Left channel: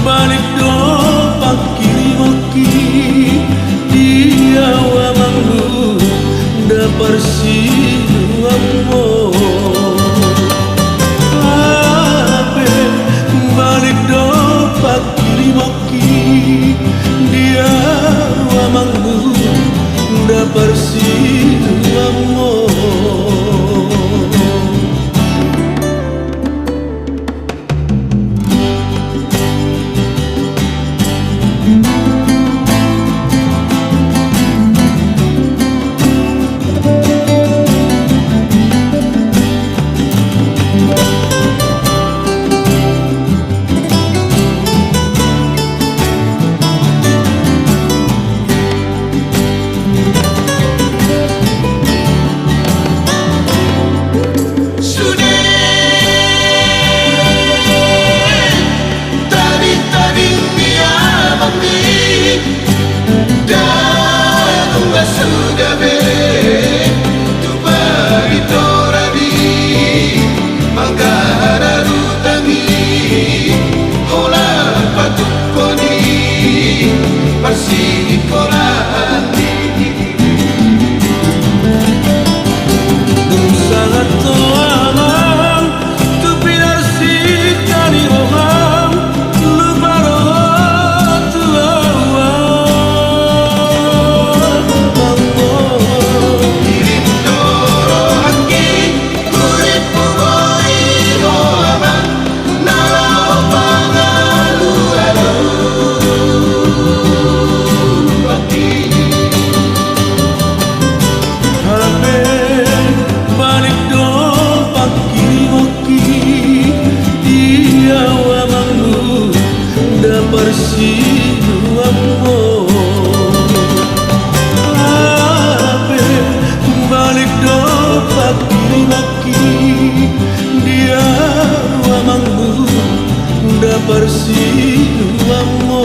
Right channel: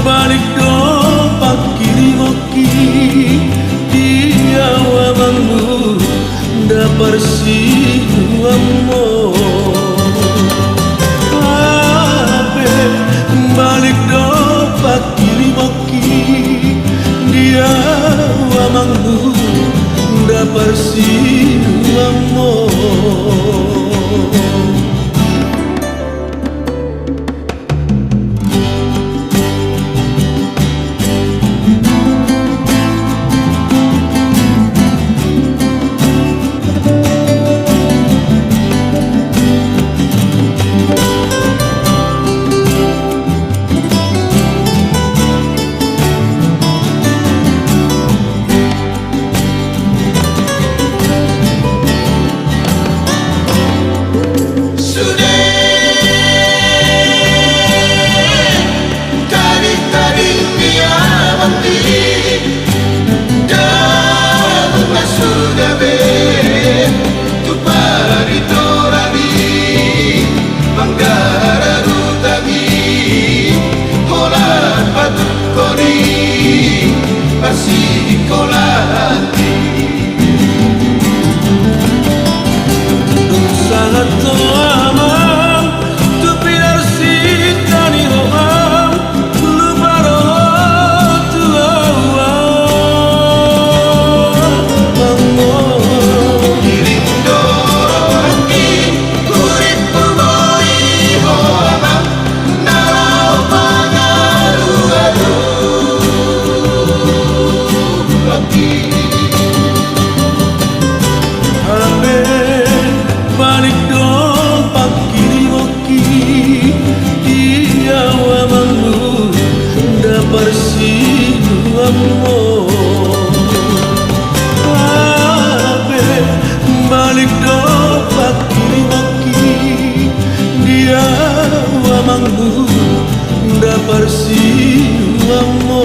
Balik do pakiri moki dia wamangmu dapar sinu ammo ape balik do pakiri moki dia wamangmu dapar sinu ammo sangat amam tu pilar sita ni roham lupa roh tu awal mango dirindo rohaki urip tu boi rohama narau pangalu lagi hape balik do pakiri moki dia wamangmu dapar sinu ammo ape balik do pakiri moki dia wamangmu dapar sinu ammo